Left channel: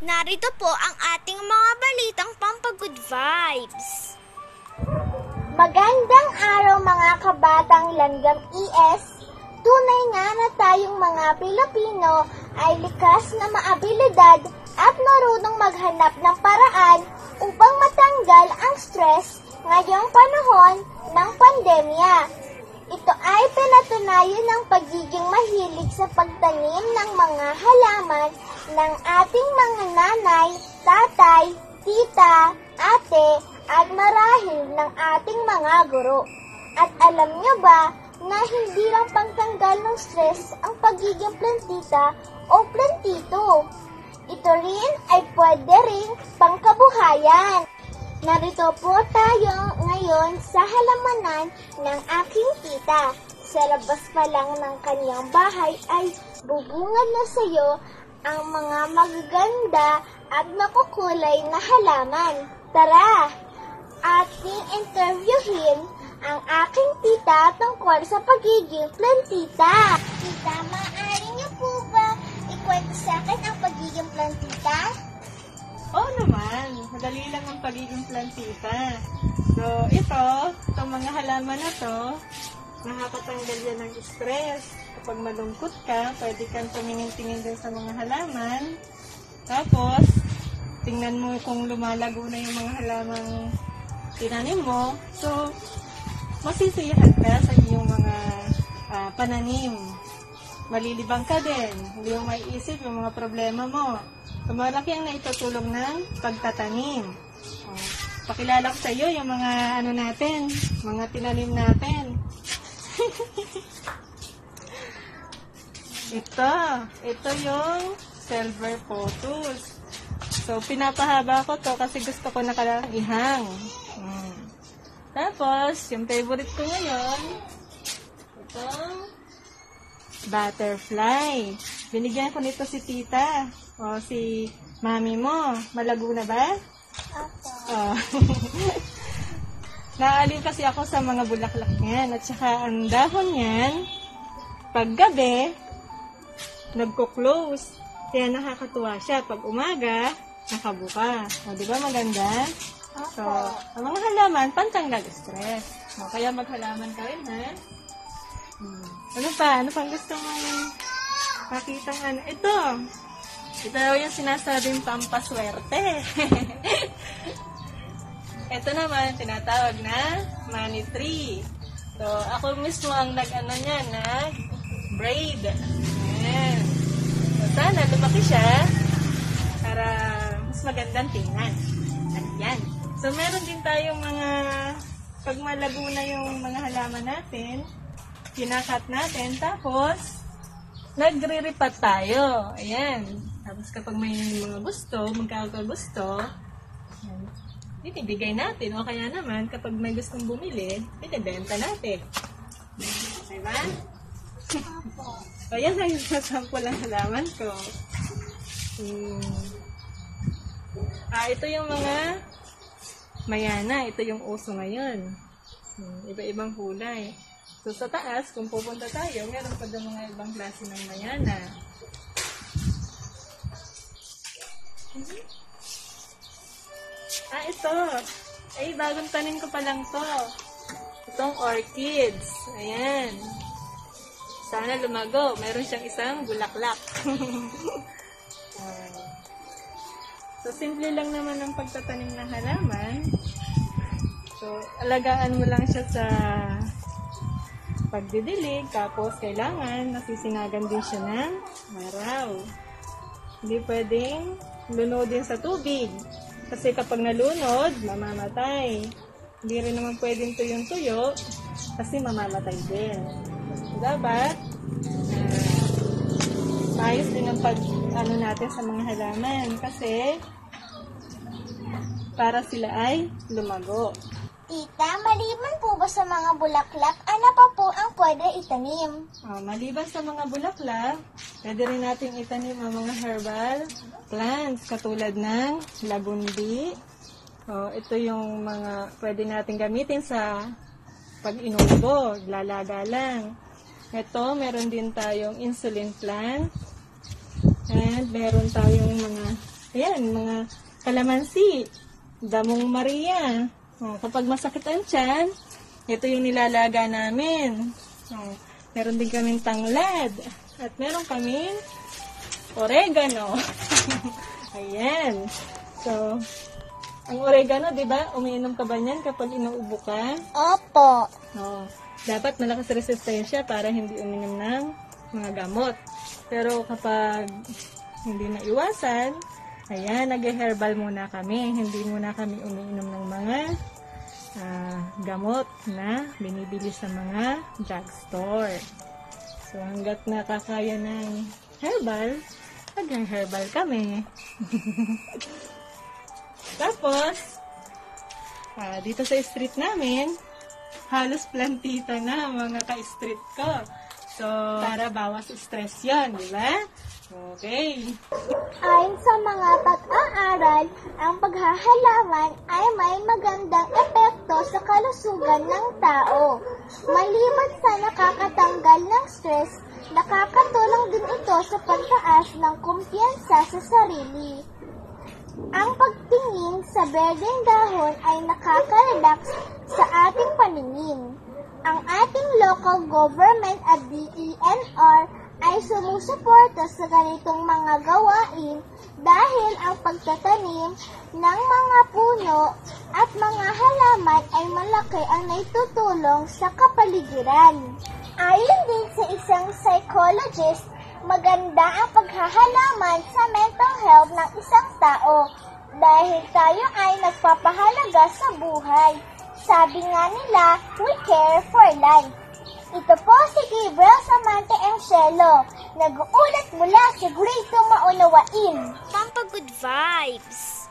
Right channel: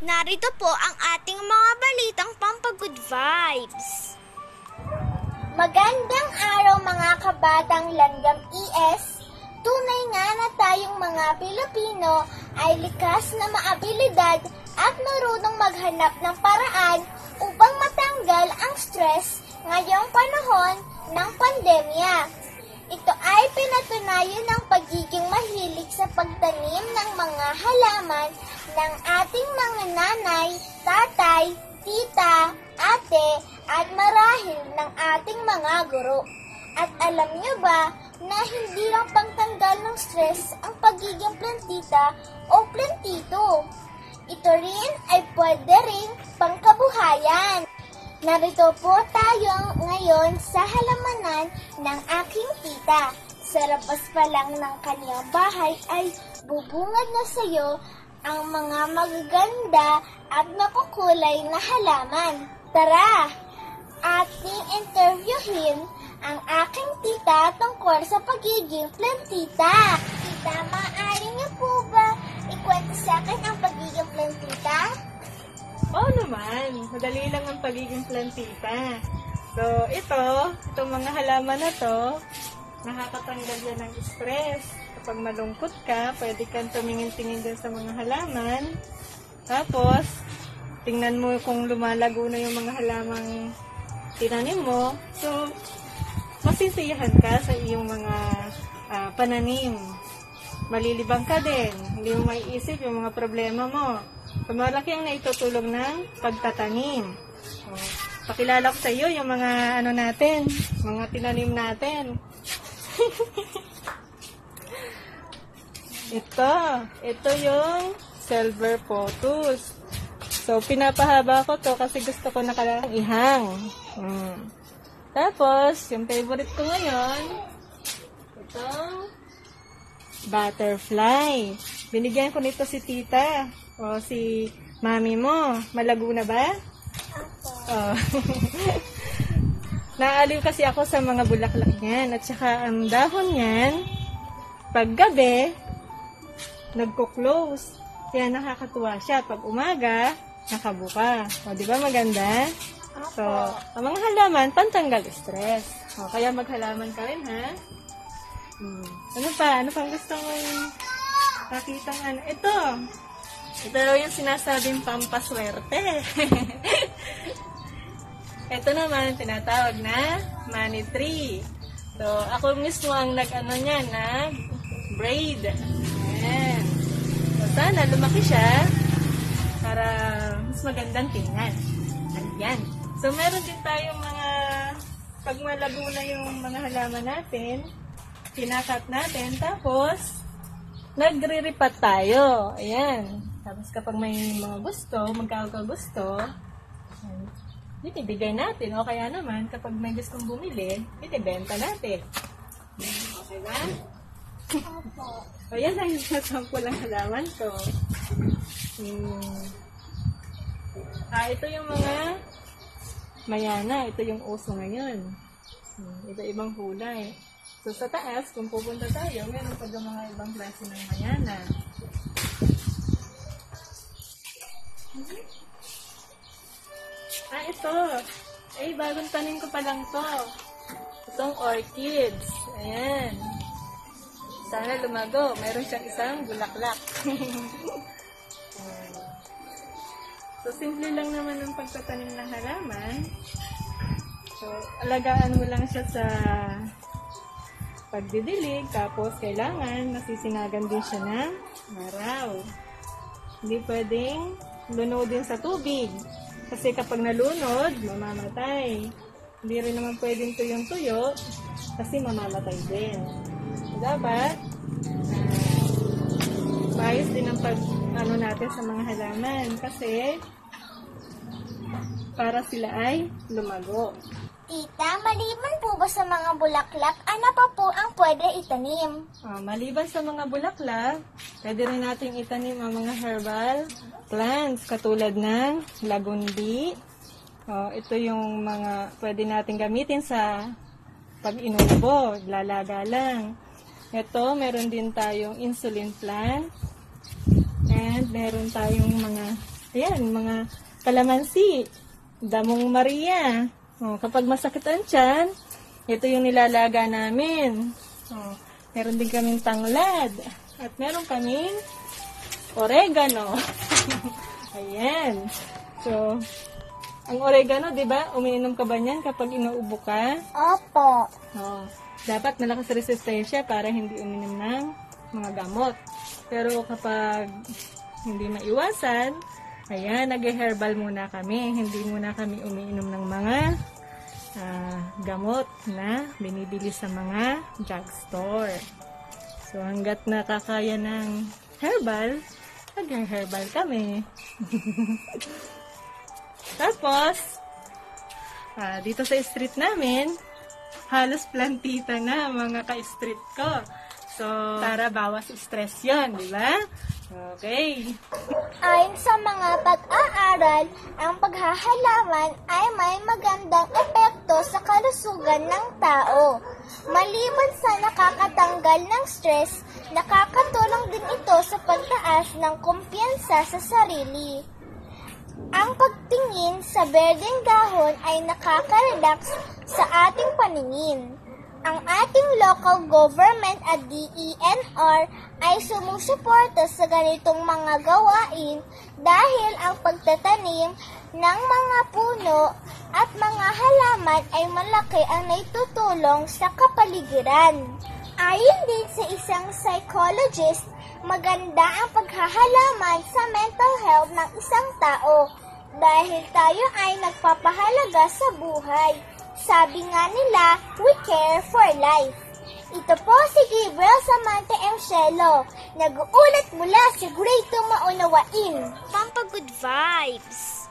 Narito po ang ating mga balitang pampagood vibes. Magandang araw mga kabatang langgam ES. Tunay nga na tayong mga Pilipino ay likas na maabilidad at marunong maghanap ng paraan upang matanggal ang stress ngayong panahon ng pandemya. Ito ay pinatunayan ng pagiging mahilig sa pagtanim ng mga halaman ng ating mga nanay, tatay, tita, ate, at marahil ng ating mga guro. At alam nyo ba na hindi lang pangtanggal ng stress ang pagiging plantita o plantito? Ito rin ay pwede rin pangkabuhayan. Narito po tayo ngayon sa halamanan ng aking tita. Sa labas pa lang ng kanyang bahay ay bubungad na sa iyo ang mga magaganda at makukulay na halaman. Tara, ating interviewin ang aking tita tungkol sa pagiging plantita. Tita, maaari niyo po ba ikwento sa akin ang pagiging plantita? Oo naman, madali lang ang pagiging plantita. So, itong mga halaman na to, nakakatanggal yan ng stress. Kapag malungkot ka, pwede kang tumingin-tingin din sa mga halaman. Tapos, tingnan mo kung lumalago na yung mga halamang tinanim mo. So, masisiyahan ka sa iyong mga pananim. Malilibang ka din. Hindi mo maiisip yung mga problema mo. So, malaki ang naitutulong ng pagtatanim. Pakilala ko sa iyo yung mga natin, mga tinanim natin. Ito yung silver pothos. So, pinapahaba ko to kasi gusto ko nakalang ihang. Tapos, yung favorite ko ngayon, ito, butterfly. Binigyan ko nito si tita. O, si mami mo. Malago na ba? Oh. Naaliw kasi ako sa mga bulaklak niyan. At saka ang dahon niyan, paggabi, nagko-close. Kaya nakakatuwa siya. Pag umaga, nakabuka. O, di ba maganda? So, ang mga halaman, pantanggal stress. O, kaya maghalaman ka rin, ha? Ano pa? Ano pang gusto mong makita? Ito yung sinasabing pampaswerte. Ito naman, tinatawag na money tree. So, ako mismo ang nag-braid. Ayan. So, sana lumaki siya para mas magandang tingnan. Ayan. So, meron din tayong mga, pag malago na yung mga halaman natin, kinakat natin, tapos, nagre-repat tayo. Ayan. Tapos kapag may mga gusto, magkakagusto, ibibigay natin. O kaya naman, kapag may gustong bumili, ibibenta natin. Diba? O yan ang sample ang halaman ko. Ito yung mga mayana. Ito yung uso ngayon. Iba-ibang kulay. So sa taas, kung pupunta tayo, meron pa din mga ibang klase ng mayana. Ito. Bagong tanim ko pa lang to. Itong orchids. Ayan. Sana lumago. Meron siyang isang bulaklak. So, simple lang naman ang pagtatanim ng halaman. So, alagaan mo lang siya sa pagdidilig. Tapos, kailangan nasisinagan din siya ng araw. Hindi pwedeng lunodin sa tubig. Kasi kapag nalunod, mamamatay. Hindi rin naman pwedeng tuyong-tuyo kasi mamamatay din. So, dapat, maayos din ang natin sa mga halaman kasi para sila ay lumago. Tita, maliban po ba sa mga bulaklak, ano pa po ang pwede itanim? Maliban sa mga bulaklak, pwede rin natin itanim ang mga herbal plants katulad ng lagundi. Ito yung mga pwede natin gamitin sa pag-inubo, lalaga lang. Ito, meron din tayong insulin plant. And meron tayong mga Ayan, mga kalamansi, damong Maria. Kapag masakit ang tiyan, ito yung nilalaga namin. Meron din kaming tanglad. At meron kaming oregano. Ayan. So, ang oregano, di ba? Umiinom ka ba niyan kapag inuubo ka? Opo. Dapat malakas resistensya para hindi uminom ng mga gamot. Pero kapag hindi maiwasan, ayan, nag-herbal muna kami. Hindi muna kami umiinom ng mga gamot na binibili sa mga drugstore. So, hanggat nakakaya ng herbal, nag-herbal kami. Tapos, dito sa street namin, halos plantita na mga ka-street ko. So, para bawas stress yun, di ba? Okay. Ayon sa mga pag-aaral, ang paghahalaman ay may magandang epekto sa kalusugan ng tao. Maliban sa nakakatanggal ng stress, nakakatulong din ito sa pagtaas ng kumpiyansa sa sarili. Ang pagtingin sa berdeng dahon ay nakaka-relax sa ating paningin. Ang ating local government at DENR ay sumusuporta sa ganitong mga gawain dahil ang pagtatanim ng mga puno at mga halaman ay malaki ang naitutulong sa kapaligiran. Ayon din sa isang psychologist, maganda ang paghahalaman sa mental health ng isang tao dahil tayo ay nagpapahalaga sa buhay. Sabi nga nila, we care for life. Ito po si Gabriel Samante M. Cielo, nag-uulat mula sa Grade 2 Maunawain. Pampagood vibes.